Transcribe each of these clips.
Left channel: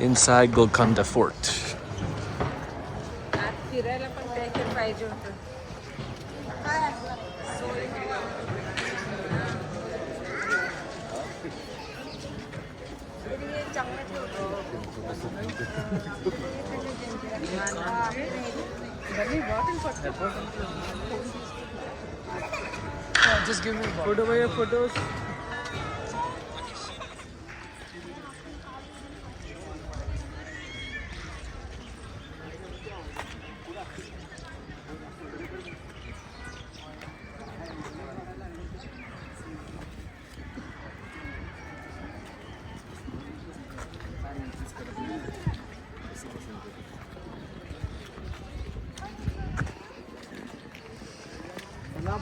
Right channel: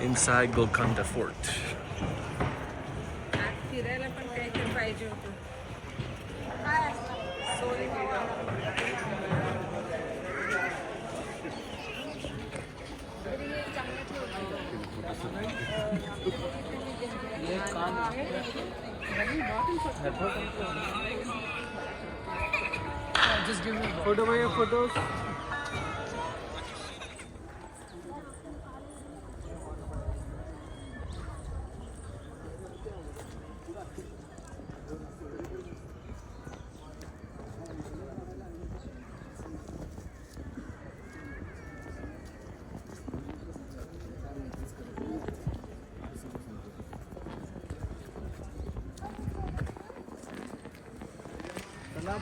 inside Golconda Fort. Just give me a photo by your photos.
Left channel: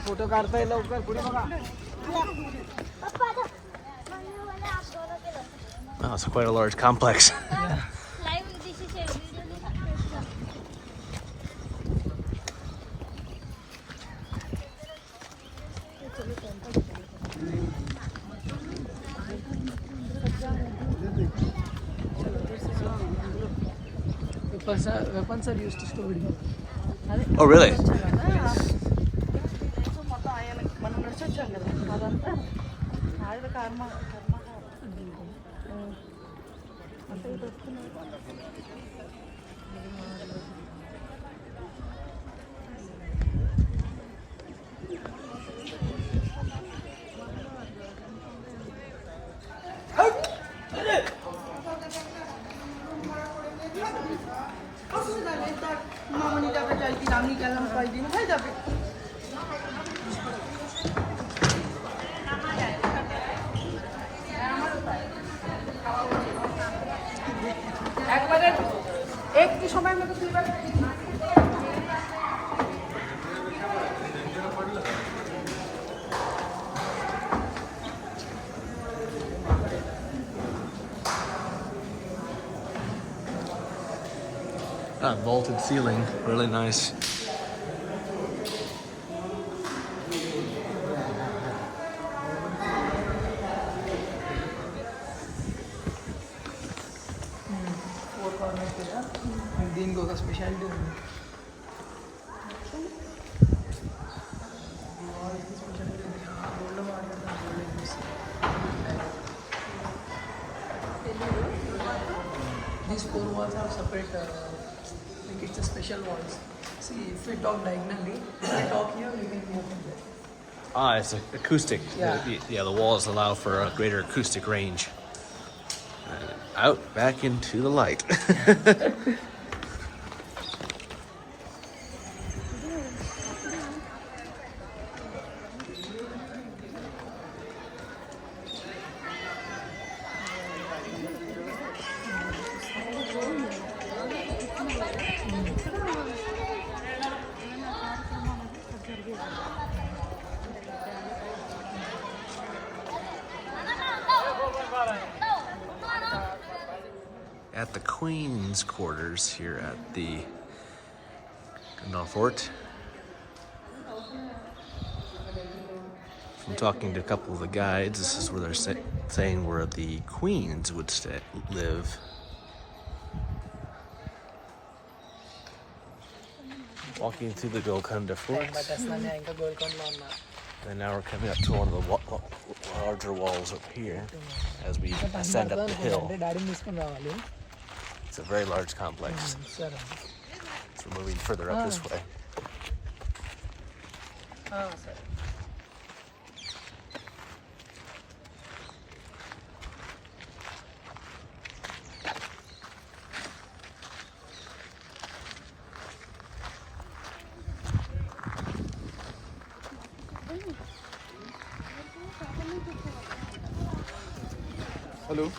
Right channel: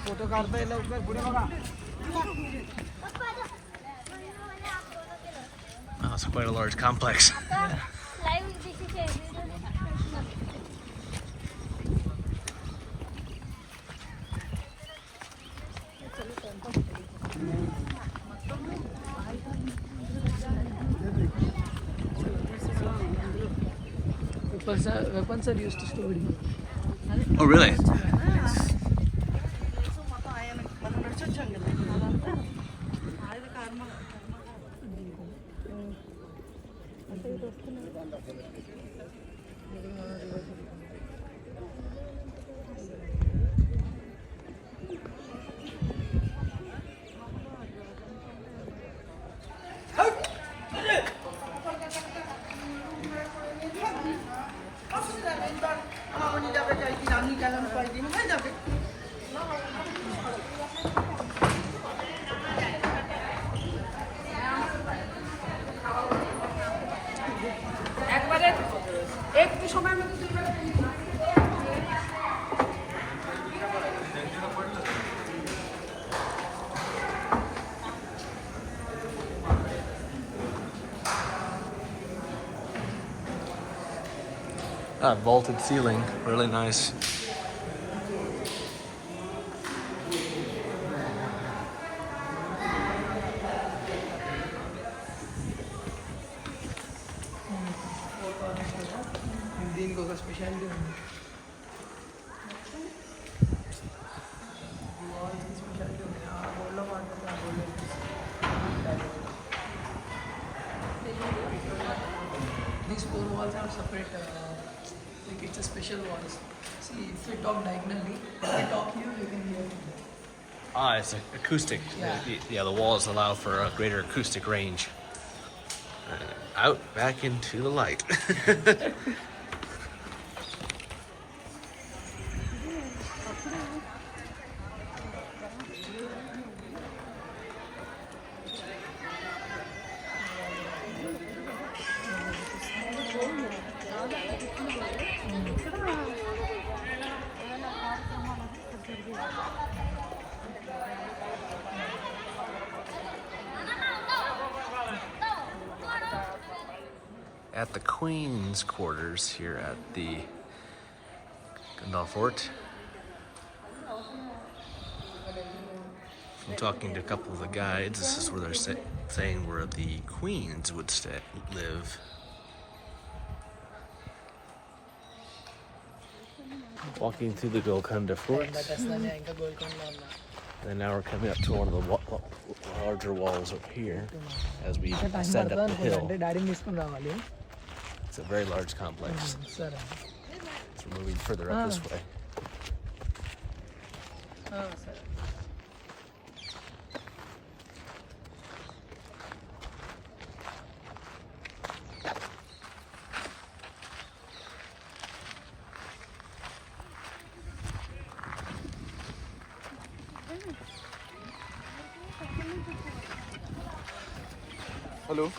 Photo काढता येईल लवकर पुढे बघा. Oh, it's quite a large complex. Weapons are used to store here. Oh, really? That vaulted ceiling, really nice. These four walls are separate. It's a special walls. See, if you talk diagonally, if you talk here, you can go to there. Ah, it's acoustic. Yeah. The walls allow for a greater acoustic range. And out, back into the light. At the Queen's quarters here at the Golconda Fort. From talking to a couple of the guides, this is where they're saying where the queens would live. Walking through the Golconda Fort. And now we're coming up to one of the larger walls up here as we ascend up the hill. It's a very large complex. So we're moving further up this way. Hello.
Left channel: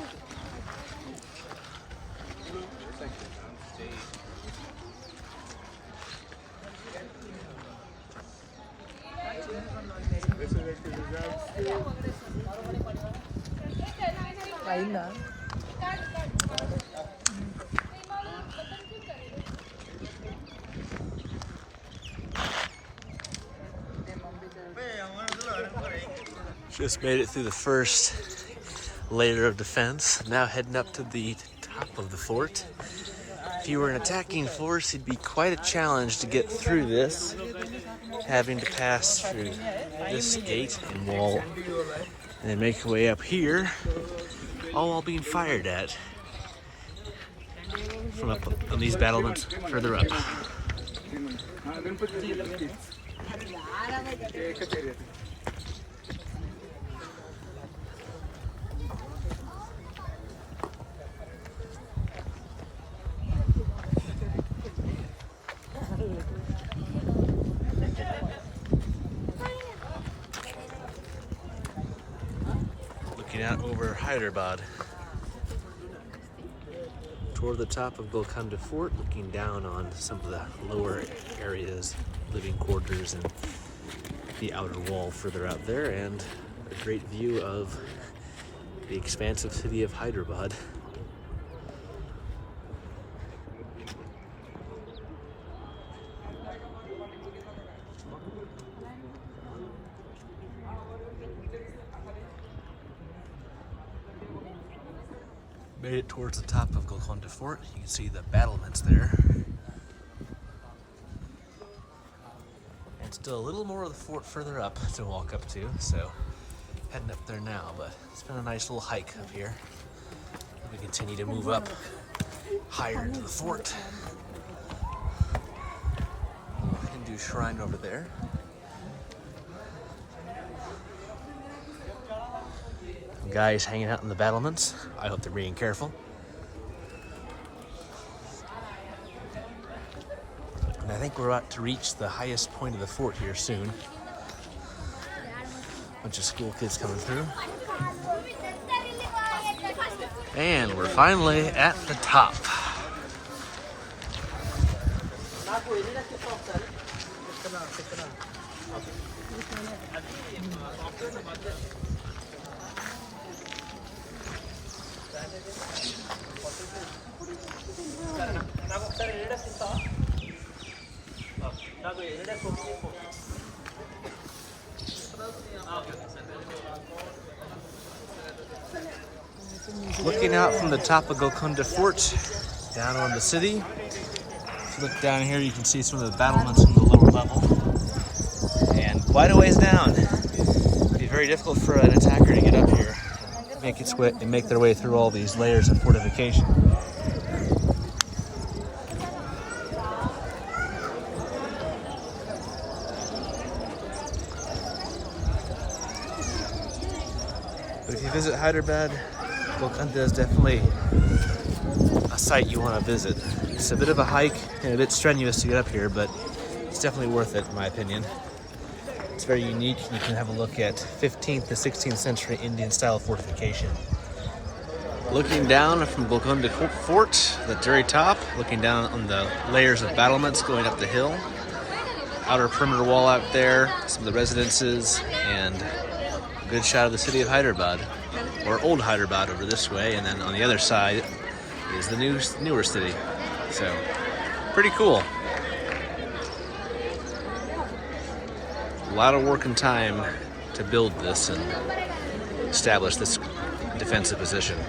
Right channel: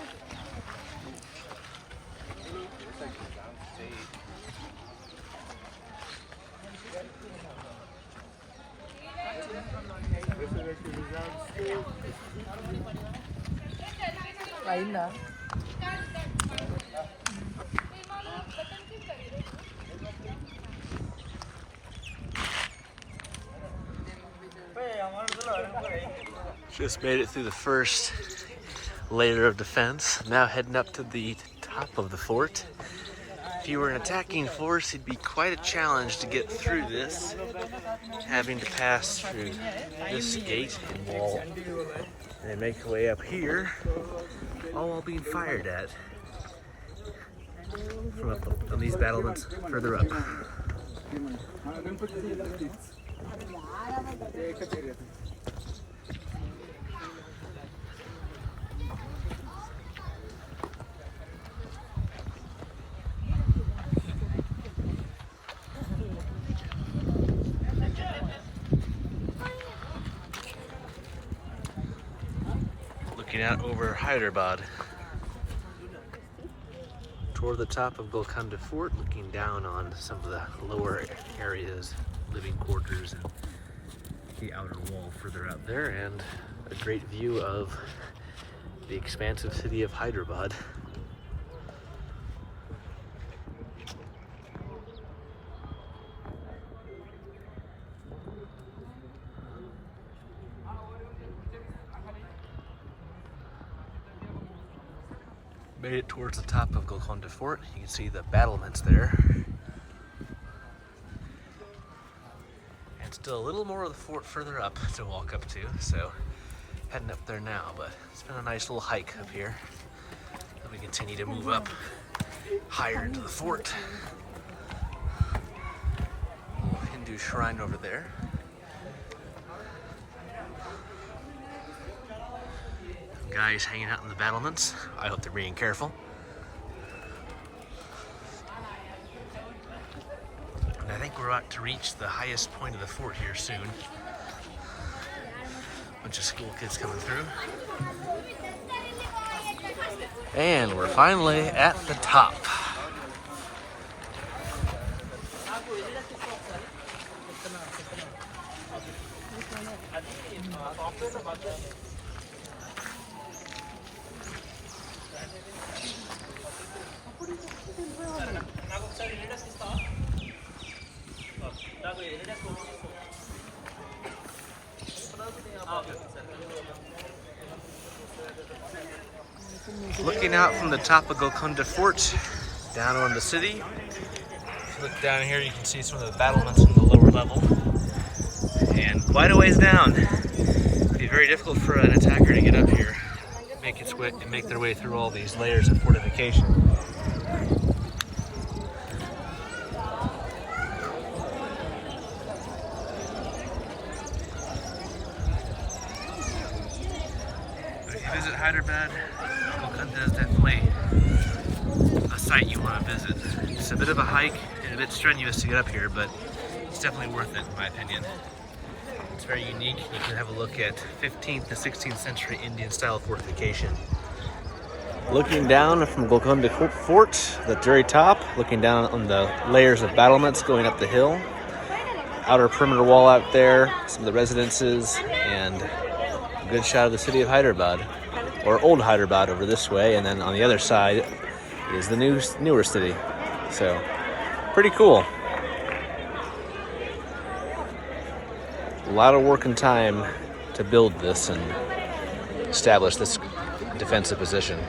Just made it through the first layer of defense. Now heading up to the top of the fort. If you were an attacking force, it'd be quite a challenge to get through this, having to pass through this gate and wall, and then make your way up here, all while being fired at from up on these battlements further up. Looking out over Hyderabad toward the top of Golconda Fort, looking down on some of the lower areas, living quarters, and the outer wall further out there, and a great view of the expansive city of Hyderabad. Made it towards the top of Golconda Fort. You can see the battlements there. And still a little more of the fort further up to walk up to, so heading up there now, but it's been a nice little hike up here. And we continue to move up higher into the fort. Little Hindu shrine over there. Guys hanging out in the battlements. I hope they're being careful. And I think we're about to reach the highest point of the fort here soon. Bunch of school kids coming through. And we're finally at the top. Looking out from the top of Golconda Fort, down on the city. If you look down here, you can see some of the battlements on the lower level. And quite a ways down. It'd be very difficult for an attacker to get up here, make their way through all these layers of fortification. But if you visit Hyderabad, Golconda is definitely a site you want to visit. It's a bit of a hike and a bit strenuous to get up here, but it's definitely worth it in my opinion. It's very unique. You can have a look at 15th to 16th century Indian style fortification. Looking down from Golconda Fort, the very top, looking down on the layers of battlements going up the hill. Outer perimeter wall out there, some of the residences, and a good shot of the city of Hyderabad. Or old Hyderabad over this way, and then on the other side is the newer city. So, pretty cool. A lot of work and time to build this and establish this defensive position.